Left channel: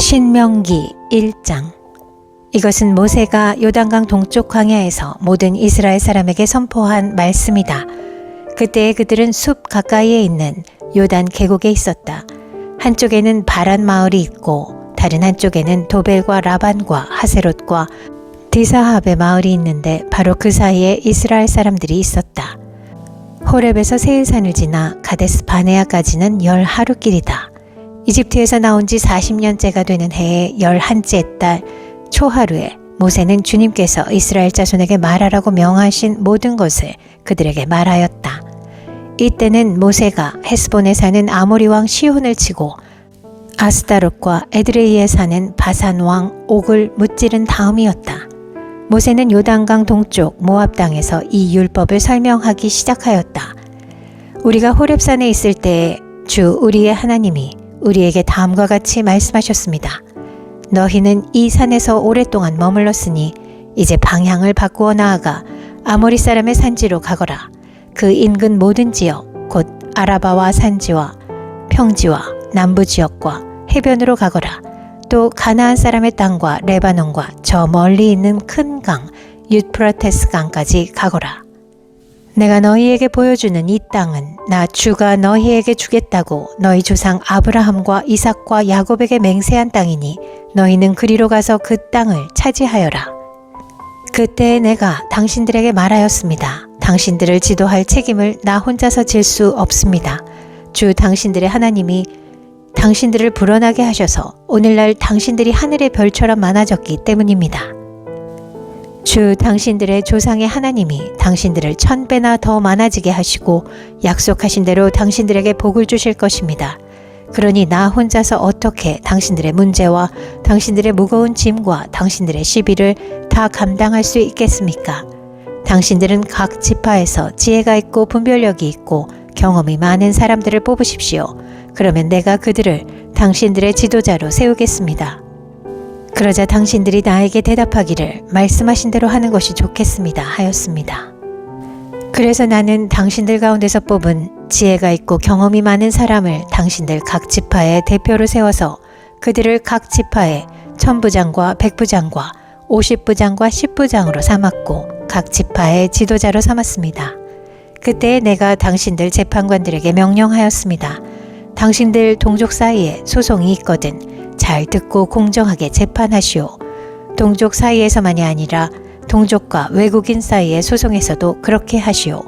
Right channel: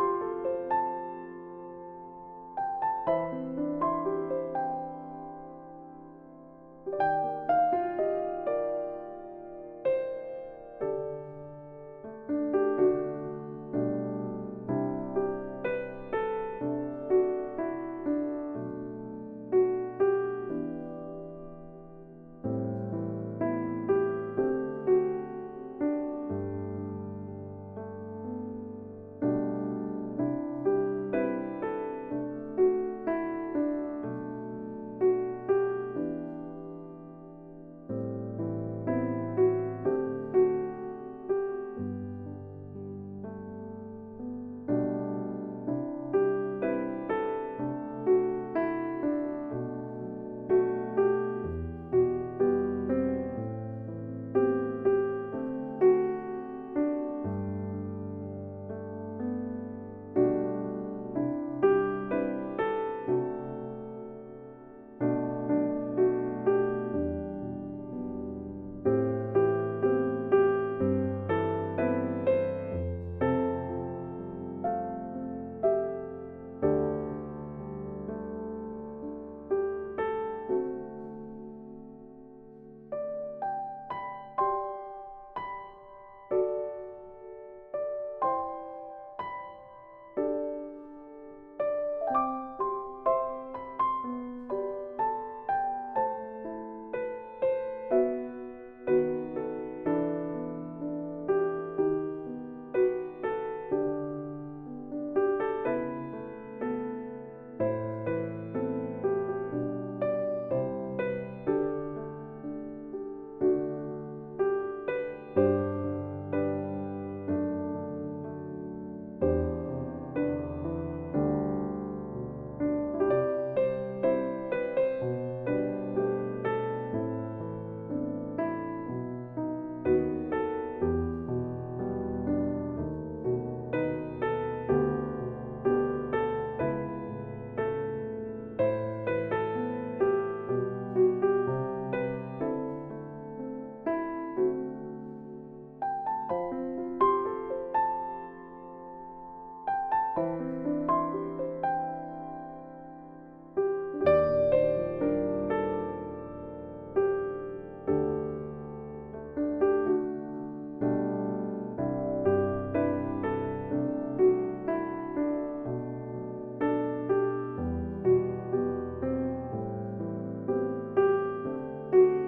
신명기 1장. 이것은 모세가 요단강 동쪽 광야에서 모든 이스라엘 사람에게 선포한 말씀이다. 그때 그들은 숲 가까이에 있는 요단 계곡에 있었다. 한쪽에는 바란 마을이 있고 다른 한쪽에는 도벨과 라반과 하세롯과 디사합의 마을이 있는데 바로 그 사이에 이스라엘 사람들이 있었다. 호렙에서 세일산을 지나 가데스 바네아까지는 10하루길이다. 이집트에서 나온 지 40년째가 되는 해의 11째 달 초하루에 모세는 주님께서 이스라엘 자손에게 말하라고 명하신 모든 것을 그들에게 말하였다. 이때는 모세가 헤스본에 사는 아모리 왕 시혼을 치고 아스다롯과 에드레이에 사는 바산 왕 옥을 무찌른 다음이었다. 모세는 요단강 동쪽 모압 땅에서 이 율법을 설명하기 시작하였다. 우리가 호렙산에 있을 때에 주 우리의 하나님이 우리에게 다음과 같이 말씀하셨습니다. 너희는 이 산에서 오랫동안 머물렀으니 이제 방향을 바꾸어 나아가 아모리 사람의 산지로 가거라. 그 인근 모든 지역 곧 아라바와 산지와 평지와 남부 지역과 해변으로 가거라. 또 가나안 사람의 땅과 레바논과 저 멀리 있는 큰 강 유프라테스 강까지 가거라. 내가 너희에게 보여주는 이 땅은 나 주가 너희에게 주겠다고 너희 조상 아브라함과 이삭과 야곱에게 맹세한 땅이니 너희는 그리로 가서 그 땅을 차지하여라. 그때 내가 당신들에게 말하였습니다. 당신들을 지도할 책임을 나 혼자서 질 수 없습니다. 주 당신들의 하나님이 당신들을 불어나게 하셔서 오늘날 당신들이 하늘의 별처럼 많아졌기 때문입니다. 주 당신들의 조상의 하나님이 당신들을 1000배나 더 많아지게 하시고 약속하신 대로 당신들에게 복을 주실 것입니다. 그러니 나 혼자서 어떻게 당신들의 문제와 당신들의 무거운 짐과 당신들의 시비를 다 감당할 수 있겠습니까? 당신들은 각 지파에서 지혜가 있고 분별력이 있고 경험이 많은 사람들을 뽑으십시오. 그러면 내가 그들을 당신들의 지도자로 세우겠습니다. 그러자 당신들이 나에게 대답하기를 말씀하신 대로 하는 것이 좋겠습니다 하였습니다. 그래서 나는 당신들 가운데서 뽑은 지혜가 있고 경험이 많은 사람을 당신들 각 지파의 대표로 세워서 그들을 각 지파의 1000부장과 100부장과 50부장과 10부장으로 삼았고 각 지파의 지도자로 삼았습니다. 그때 내가 당신들 재판관들에게 명령하였습니다. 당신들 동족 사이에 소송이 있거든 잘 듣고 공정하게 재판하시오. 동족 사이에서만이 아니라 동족과 외국인 사이의 소송에서도 그렇게 하시오.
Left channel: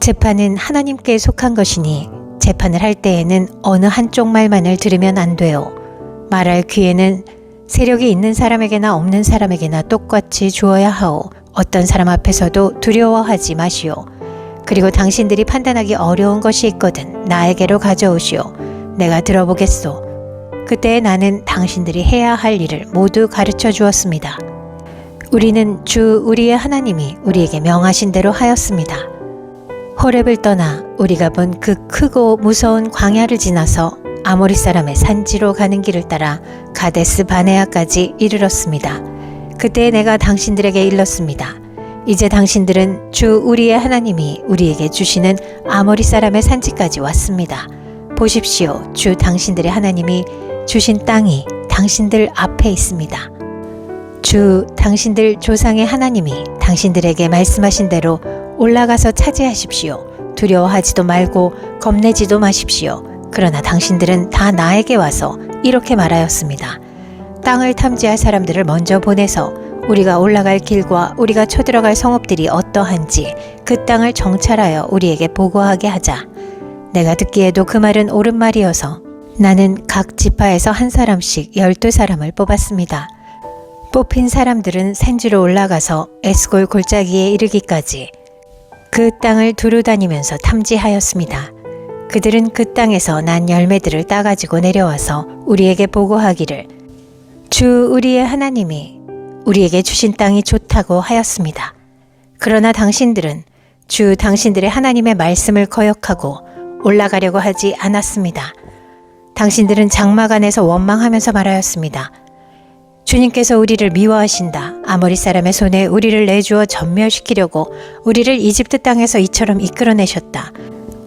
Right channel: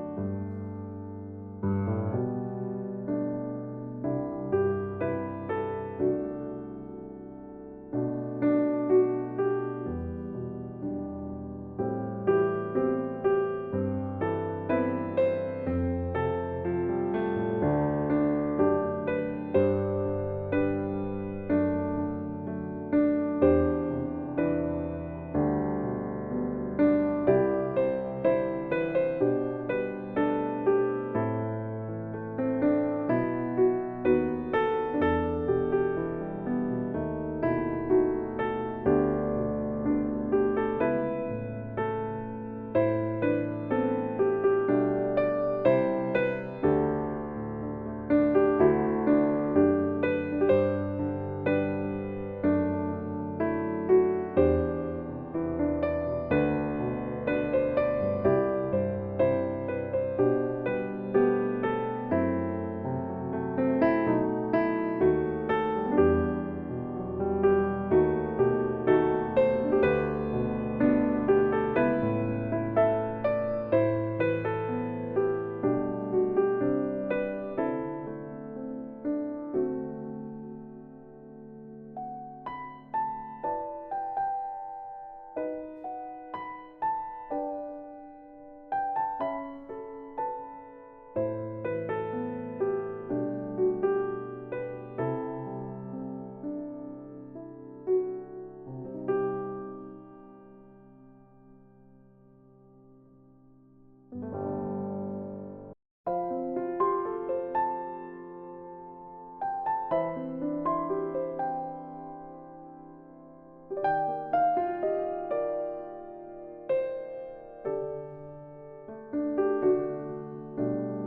재판은 하나님께 속한 것이니 재판을 할 때에는 어느 한쪽 말만을 들으면 안 돼요. 말할 기회는 세력이 있는 사람에게나 없는 사람에게나 똑같이 주어야 하오. 어떤 사람 앞에서도 두려워하지 마시오. 그리고 당신들이 판단하기 어려운 것이 있거든 나에게로 가져오시오. 내가 들어보겠소. 그때 나는 당신들이 해야 할 일을 모두 가르쳐 주었습니다. 우리는 주 우리의 하나님이 우리에게 명하신 대로 하였습니다. 호렙을 떠나 우리가 본 그 크고 무서운 광야를 지나서 아모리 사람의 산지로 가는 길을 따라 가데스 바네아까지 이르렀습니다. 그때 내가 당신들에게 일렀습니다. 이제 당신들은 주 우리의 하나님이 우리에게 주시는 아모리 사람의 산지까지 왔습니다. 보십시오. 주 당신들의 하나님이 주신 땅이 당신들 앞에 있습니다. 주 당신들 조상의 하나님이 당신들에게 말씀하신 대로 올라가서 차지하십시오. 두려워하지도 말고 겁내지도 마십시오. 그러나 당신들은 다 나에게 와서 이렇게 말하였습니다. 땅을 탐지할 사람들을 먼저 보내서 우리가 올라갈 길과 우리가 쳐들어갈 성읍들이 어떠한지 그 땅을 정찰하여 우리에게 보고하게 하자. 내가 듣기에도 그 말은 옳은 말이어서 나는 각 지파에서 한 사람씩 12사람을 뽑았습니다. 뽑힌 사람들은 산지로 올라가서 에스골 골짜기에 이르기까지 그 땅을 두루 다니면서 탐지하였습니다. 그들은 그 땅에서 난 열매들을 따가지고 내려와서 우리에게 보고하기를 주 우리의 하나님이 우리에게 주신 땅이 좋다고 하였습니다. 그러나 당신들은 주 당신들의 하나님의 말씀을 거역하고 올라가려고 하지 않았습니다. 당신들은 장막 안에서 원망하면서 말하였습니다. 주님께서 우리를 미워하신다. 아모리 사람의 손에 우리를 내주어 전멸시키려고 우리를 이집트 땅에서 이처럼 이끌어내셨다.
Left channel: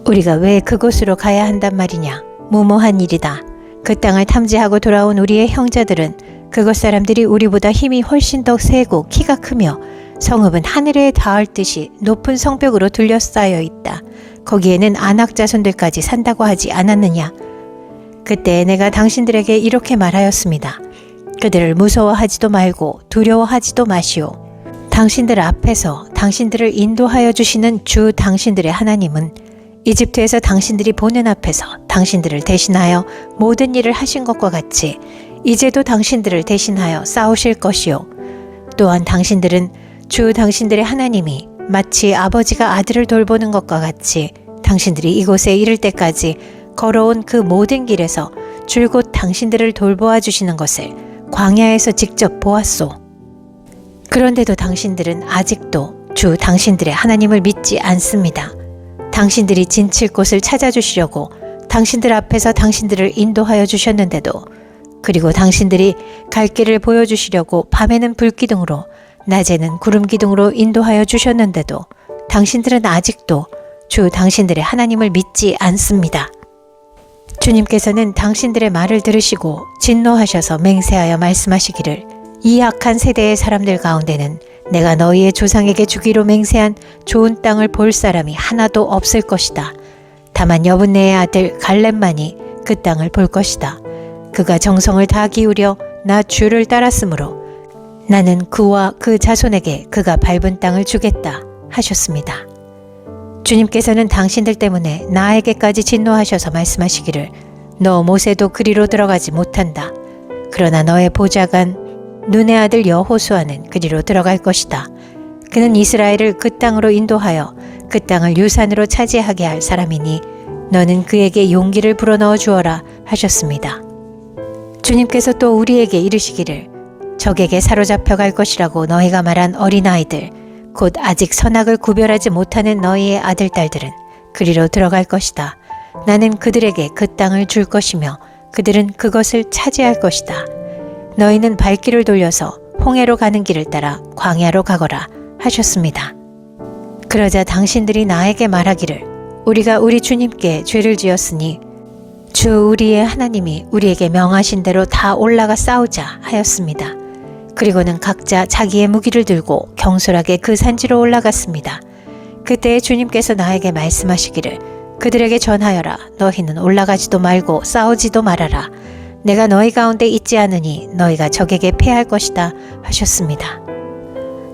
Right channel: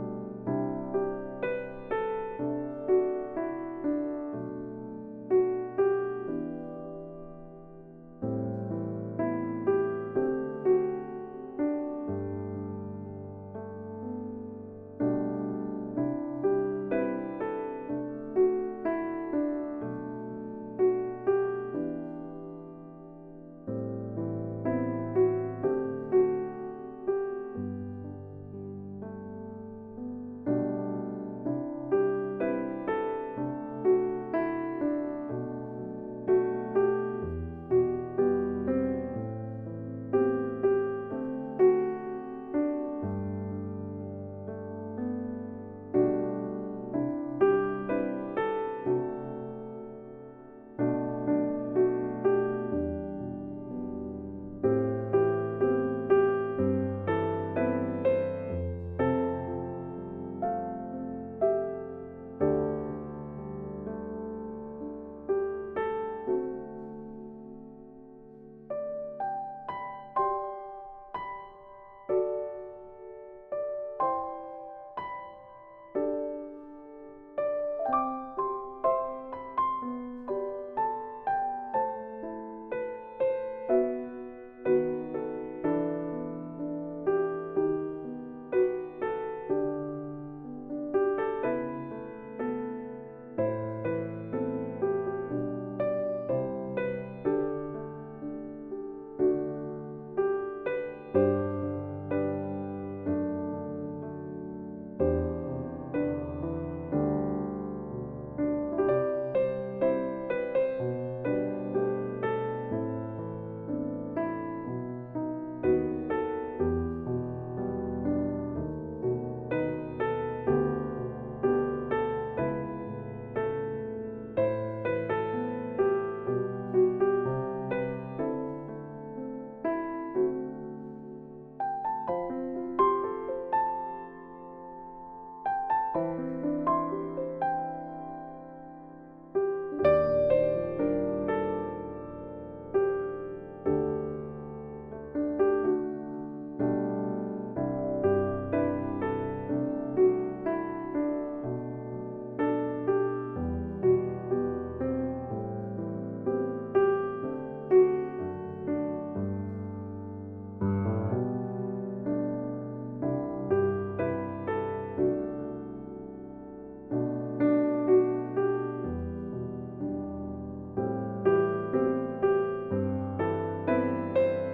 우리가 왜 그곳으로 가야 한단 말이냐. 무모한 일이다. 그 땅을 탐지하고 돌아온 우리의 형제들은 그곳 사람들이 우리보다 힘이 훨씬 더 세고 키가 크며 성읍은 하늘에 닿을 듯이 높은 성벽으로 둘러싸여 있다. 거기에는 아낙 자손들까지 산다고 하지 않았느냐. 그때 내가 당신들에게 이렇게 말하였습니다. 그들을 무서워하지도 말고 두려워하지도 마시오. 당신들 앞에서 당신들을 인도하여 주시는 주 당신들의 하나님은 이집트에서 당신들이 보는 앞에서 당신들을 대신하여 모든 일을 하신 것과 같이 이제도 당신들을 대신하여 싸우실 것이요. 또한 당신들은 주 당신들의 하나님이 마치 아버지가 아들을 돌보는 것과 같이 당신들이 이곳에 이를 때까지 걸어온 그 모든 길에서 줄곧 당신들을 돌보아 주시는 것을 광야에서 직접 보았소. 그런데도 당신들은 아직도 주 당신들의 하나님을 믿지 않습니다. 당신들이 진칠 곳을 찾아주시려고 당신들 앞에서 당신들을 인도하여 주셨는데도, 그리고 당신들이 갈 길을 보여주시려고 밤에는 불기둥으로 낮에는 구름기둥으로 인도하여 주셨는데도 당신들은 아직도 주 당신들의 하나님을 믿지 않습니다. 주님께서는 당신들의 말을 들으시고 진노하셔서 맹세하여 말씀하시기를, 이 악한 세대의 사람들 가운데는 내가 너희의 조상에게 주기로 맹세한 좋은 땅을 볼 사람이 하나도 없을 것이다. 다만 여분네의 아들 갈렙만이 그 땅을 볼 것이다. 그가 정성을 다 기울여 나 주를 따랐으므로 나는 그와 그 자손에게 그가 밟은 땅을 주겠다 하셨습니다. 주님께서는 당신들 때문에 나에게까지 진노하셔서 말씀하시기를, 너 모세도 그리로 들어가지 못한다. 그러나 너의 보좌관 눈의 아들 여호수아는 그리로 들어갈 것이다. 그는 이스라엘을 그 땅으로 인도하여 그 땅을 유산으로 차지하게 할 사람이니 너는 그에게 용기를 불어넣어 주어라 하셨습니다. 주님께서 또 우리에게 이르시기를, 적에게 사로잡혀 갈 것이라고 너희가 말한 어린아이들, 곧 아직 선악을 구별하지 못하는 너희의 아들, 딸들은 그리로 들어갈 것이다. 나는 그들에게 그 땅을 줄 것이며 그들은 그것을 차지할 것이다. 너희는 발길을 돌려서 홍해로 가는 길을 따라 광야로 가거라 하셨습니다. 그러자 당신들이 나에게 말하기를, 우리가 우리 주님께 죄를 지었으니 주 우리의 하나님이 우리에게 명하신 대로 다 올라가 싸우자 하였습니다. 그리고는 각자 자기의 무기를 들고 경솔하게 그 산지로 올라갔습니다. 그때 주님께서 나에게 말씀하시기를, 그들에게 전하여라. 너희는 올라가지도 말고 싸우지도 말아라. 내가 너희 가운데 있지 않으니 너희가 적에게 패할 것이다 하셨습니다.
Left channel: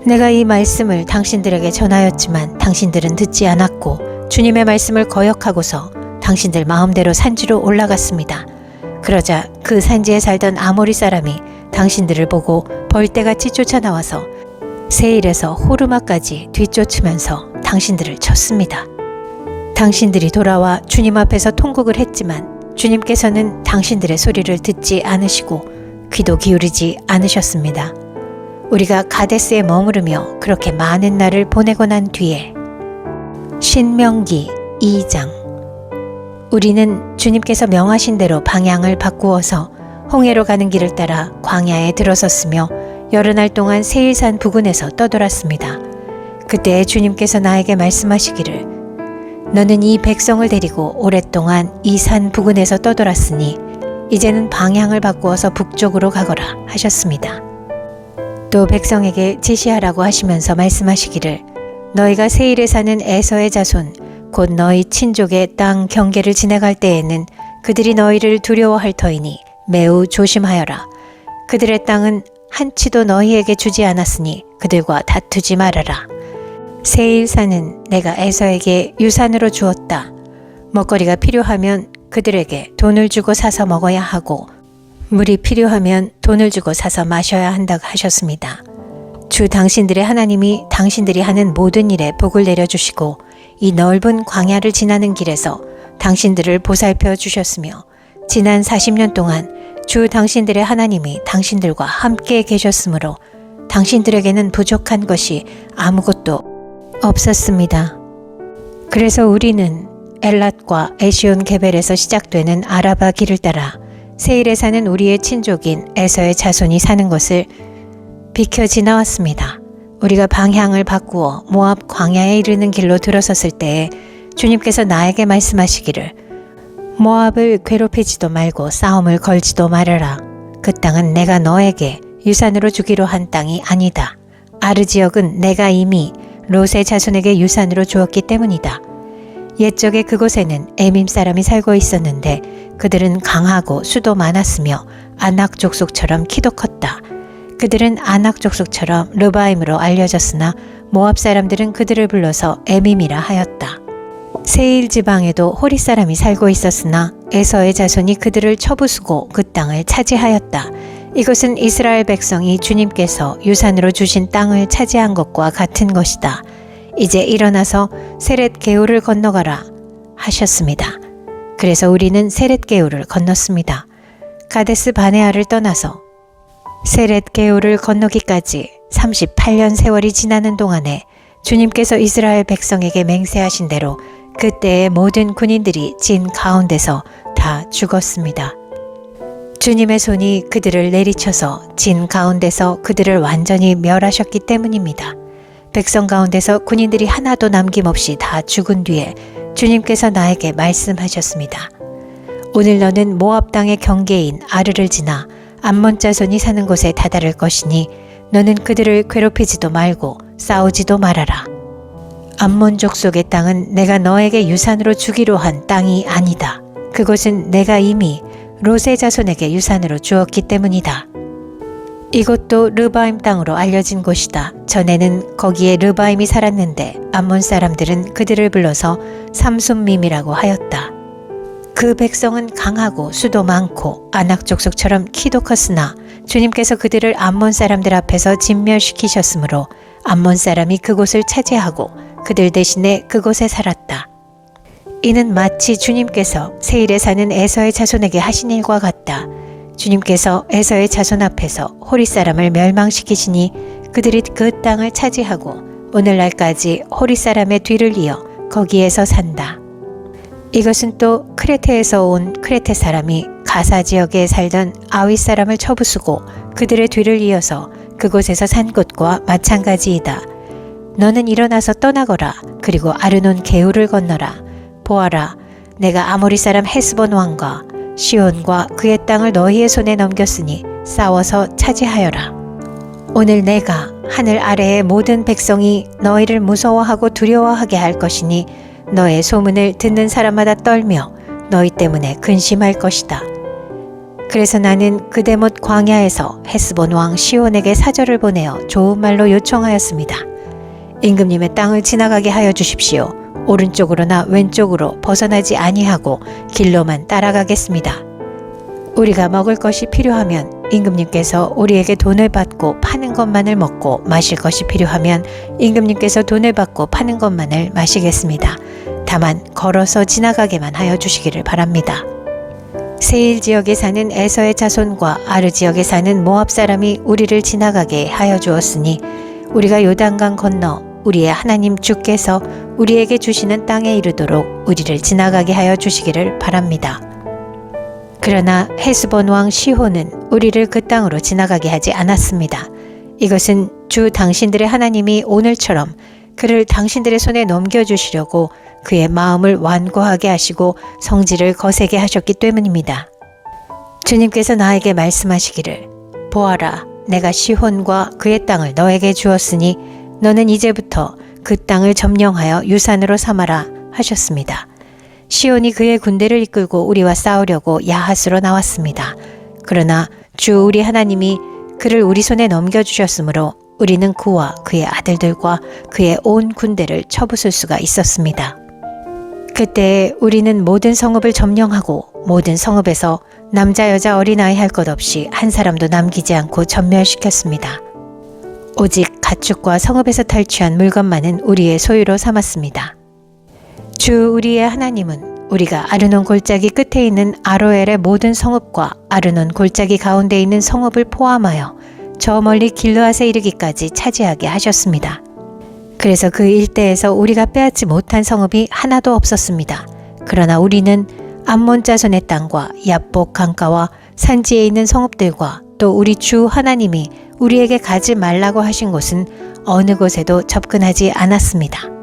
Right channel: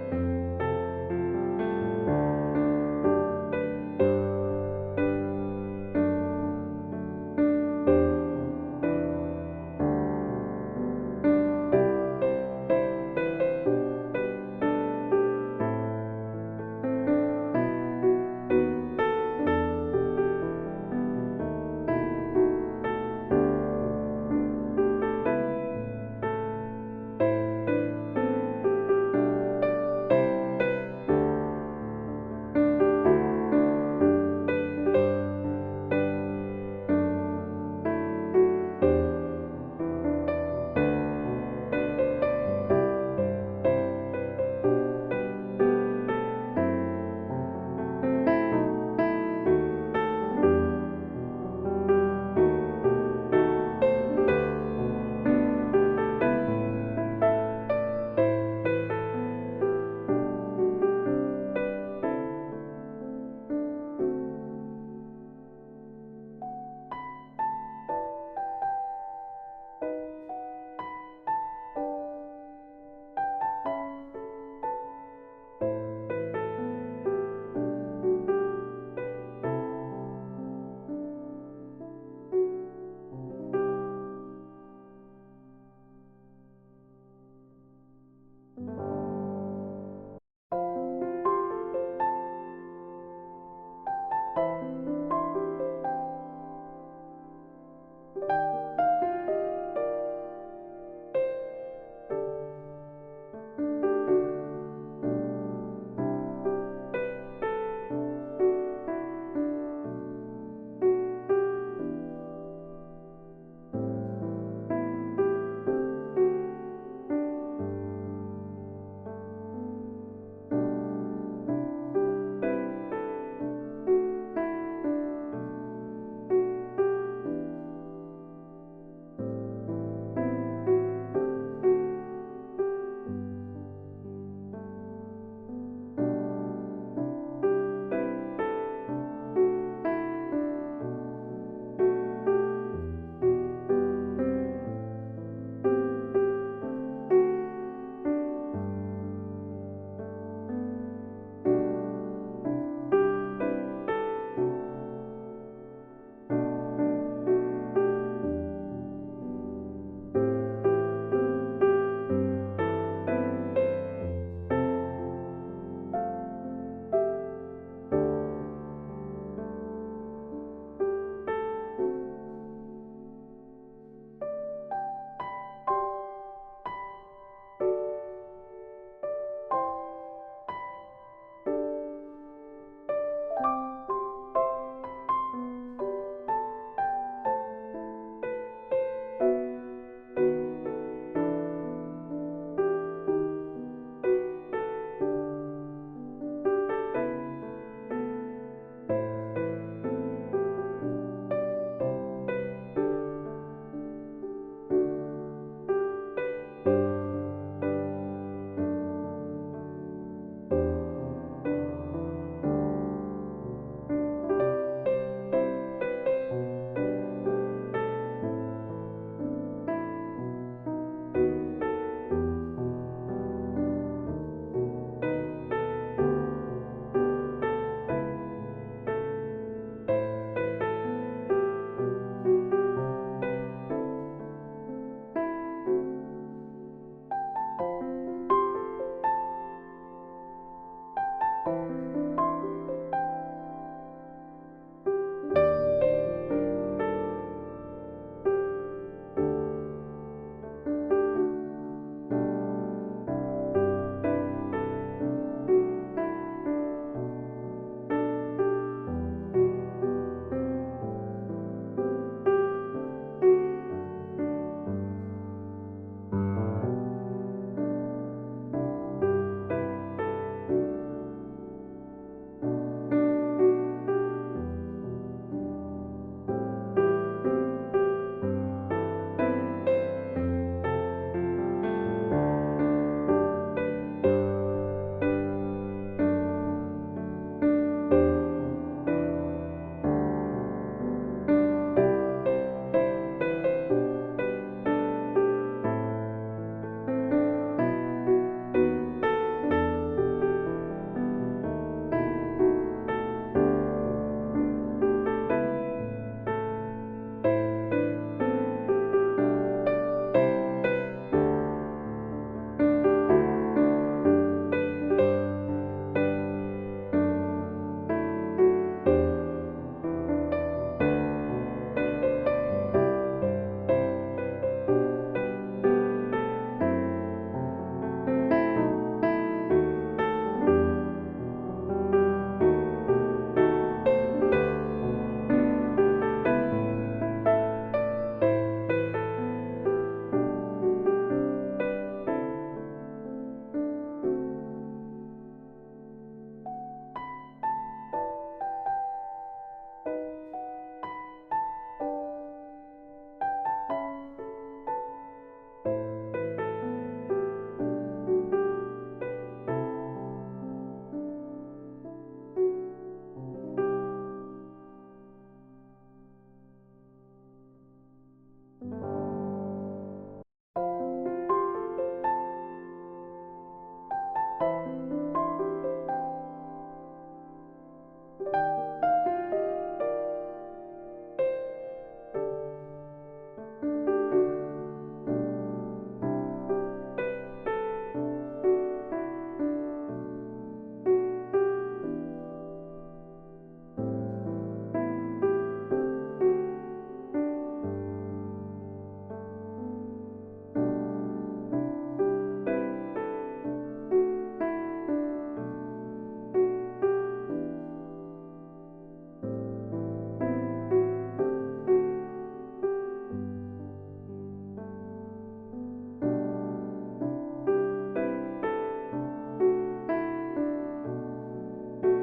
내가 이 말씀을 당신들에게 전하였지만 당신들은 듣지 않았고 주님의 말씀을 거역하고서 당신들 마음대로 산지로 올라갔습니다. 그러자 그 산지에 살던 아모리 사람이 당신들을 보고 벌떼같이 쫓아나와서 세일에서 호르마까지 뒤쫓으면서 당신들을 쳤습니다. 당신들이 돌아와 주님 앞에서 통곡을 했지만 주님께서는 당신들의 소리를 듣지 않으시고 귀도 기울이지 않으셨습니다. 우리가 가데스에 머무르며 그렇게 많은 날을 보내고 난 뒤에 신명기 2장. 우리는 주님께서 명하신 대로 방향을 바꾸어서 홍해로 가는 길을 따라 광야에 들어섰으며 여러 날 동안 세일산 부근에서 떠돌았습니다. 그때 주님께서 나에게 말씀하시기를, 너는 이 백성을 데리고 오랫동안 이 산 부근에서 떠돌았으니 이제는 방향을 바꾸어서 북쪽으로 가거라 하셨습니다. 또 백성에게 지시하라고 하시면서 말씀하시기를, 너희가 세일에 사는 에서의 자손 곧 너희 친족의 땅 경계를 지나갈 때에는 그들이 너희를 두려워할 터이니 매우 조심하여라. 그들의 땅은 한치도 너희에게 주지 않았으니 그들과 다투지 말아라. 세일산은 내가 에서에게 유산으로 주었다. 먹거리가 필요하면 그들에게 돈을 주고 사서 먹어야 하고 물이 필요하면 돈을 주고 사서 마셔야 한다고 하셨습니다. 주 당신들의 하나님이 당신들이 하는 모든 일에 복을 내려주시고 이 넓은 광야를 지나는 길에서 당신들을 보살펴 주셨으며 지난 40년 동안 주 당신들의 하나님이 당신들과 함께 계셨으므로 당신들에게는 부족한 것이 아무것도 없었습니다. 그래서 우리는 엘랏과 에시온 게벨에서 시작되는 아라바 길을 따라 세일에 사는 우리의 친족인 에서의 자손이 사는 것을 비켜 지나왔습니다. 우리가 방향을 바꾸어 모압 광야에 이르는 길로 들어섰을 때에 주님께서 나에게 말씀하시기를, 모압을 괴롭히지도 말고 싸움을 걸지도 말아라. 그 땅은 내가 너에게 유산으로 주기로 한 땅이 아니다. 아르 지역은 내가 이미 롯의 자손에게 유산으로 주었기 때문이다. 옛적에 그곳에는 에밈 사람이 살고 있었는데 그들은 강하고 수도 많았으며 아낙 족속처럼 키도 컸다. 그들은 아낙 족속처럼 르바임으로 알려졌으나 모압 사람들은 그들을 불러서 에밈이라 하였다. 세일 지방에도 호리 사람이 살고 있었으나 에서의 자손이 그들을 쳐부수고 그 땅을 차지하였다. 이것은 이스라엘 백성이 주님께서 유산으로 주신 땅을 차지한 것과 같은 것이다. 이제 일어나서 세렛 게울을 건너가라 하셨습니다. 그래서 우리는 세렛 게울을 건넜습니다. 가데스 바네아를 떠나서 세렛 게울을 건너기까지 38년 세월이 지나는 동안에 주님께서 이스라엘 백성에게 맹세하신 대로 그때의 모든 군인들이 진 가운데서 다 죽었습니다. 주님의 손이 그들을 내리쳐서 진 가운데서 그들을 완전히 멸하셨기 때문입니다. 백성 가운데서 군인들이 하나도 남김없이 다 죽은 뒤에 주님께서 나에게 말씀하셨습니다. 오늘 너는 모압 땅의 경계인 아르를 지나 암몬 자손이 사는 곳에 다다를 것이니 너는 그들을 괴롭히지도 말고 싸우지도 말아라. 암몬 족속의 땅은 내가 너에게 유산으로 주기로 한 땅이 아니다. 그곳은 내가 이미 롯의 자손에게 유산으로 주었기 때문이다. 이곳도 르바임 땅으로 알려진 곳이다. 전에는 거기에 르바임이 살았는데 암몬 사람들은 그들을 불러서 삼순밈이라고 하였다. 그 백성은 강하고 수도 많고 아낙 족속처럼 키도 컸으나 주님께서 그들을 암몬 사람들 앞에서 진멸시키셨으므로 암몬 사람이 그곳을 차지하고 그들 대신에 그곳에 살았다. 이는 마치 주님께서 세일에 사는 에서의 자손에게 하신 일과 같다. 주님께서 에서의 자손 앞에서 호리 사람을 멸망시키시니 그들이 그 땅을 차지하고 오늘날까지 호리 사람의 뒤를 이어 거기에서 산다. 이것은 또 크레테에서 온 크레테 사람이 가사 지역에 살던 아윗 사람을 쳐부수고 그들의 뒤를 이어서 그곳에서 산 것과 마찬가지이다. 너는 일어나서 떠나거라. 그리고 아르논 게울을 건너라. 보아라, 내가 아모리 사람 헤스본 왕과 시온과 그의 땅을 너희의 손에 넘겼으니 싸워서 차지하여라. 오늘 내가 하늘 아래의 모든 백성이 너희를 무서워하고 두려워하게 할 것이니 너의 소문을 듣는 사람마다 떨며 너희 때문에 근심할 것이다. 그래서 나는 그대못 광야에서 헤스본 왕 시온에게 사절을 보내어 좋은 말로 요청하였습니다. 임금님의 땅을 지나가게 하여 주십시오. 오른쪽으로나 왼쪽으로 벗어나지 아니하고 길로만 따라가겠습니다. 우리가 먹을 것이 필요하면 임금님께서 우리에게 돈을 받고 파는 것만을 먹고 마실 것이 필요하면 임금님께서 돈을 받고 파는 것만을 마시겠습니다. 다만 걸어서 지나가게만 하여 주시기를 바랍니다. 세일 지역에 사는 에서의 자손과 아르 지역에 사는 모압 사람이 우리를 지나가게 하여 주었으니 우리가 요단강 건너 우리의 하나님 주께서 우리에게 주시는 땅에 이르도록 우리를 지나가게 하여 주시기를 바랍니다. 그러나 헤스본 왕 시혼은 우리를 그 땅으로 지나가게 하지 않았습니다. 이것은 주 당신들의 하나님이 오늘처럼 그를 당신들의 손에 넘겨주시려고 그의 마음을 완고하게 하시고 성질을 거세게 하셨기 때문입니다. 주님께서 나에게 말씀하시기를 보아라, 내가 시혼과 그의 땅을 너에게 주었으니 너는 이제부터 그 땅을 점령하여 유산으로 삼아라 하셨습니다. 시온이 그의 군대를 이끌고 우리와 싸우려고 야하스로 나왔습니다. 그러나 주 우리 하나님이 그를 우리 손에 넘겨주셨으므로 우리는 그와 그의 아들들과 그의 온 군대를 쳐부술 수가 있었습니다. 그때 우리는 모든 성읍을 점령하고 모든 성읍에서 남자 여자 어린아이 할 것 없이 한 사람도 남기지 않고 전멸시켰습니다. 오직 가축과 성읍에서 탈취한 물건만은 우리의 소유로 삼았습니다. 주 우리의 하나님은 우리가 아르논 골짜기 끝에 있는 아로엘의 모든 성읍과 아르논 골짜기 가운데 있는 성읍을 포함하여 저 멀리 길르앗에 이르기까지 차지하게 하셨습니다. 그래서 그 일대에서 우리가 빼앗지 못한 성읍이 하나도 없었습니다. 그러나 우리는 암몬 자손의 땅과 야복 강가와 산지에 있는 성읍들과 또 우리 주 하나님이 우리에게 가지 말라고 하신 곳은 어느 곳에도 접근하지 않았습니다.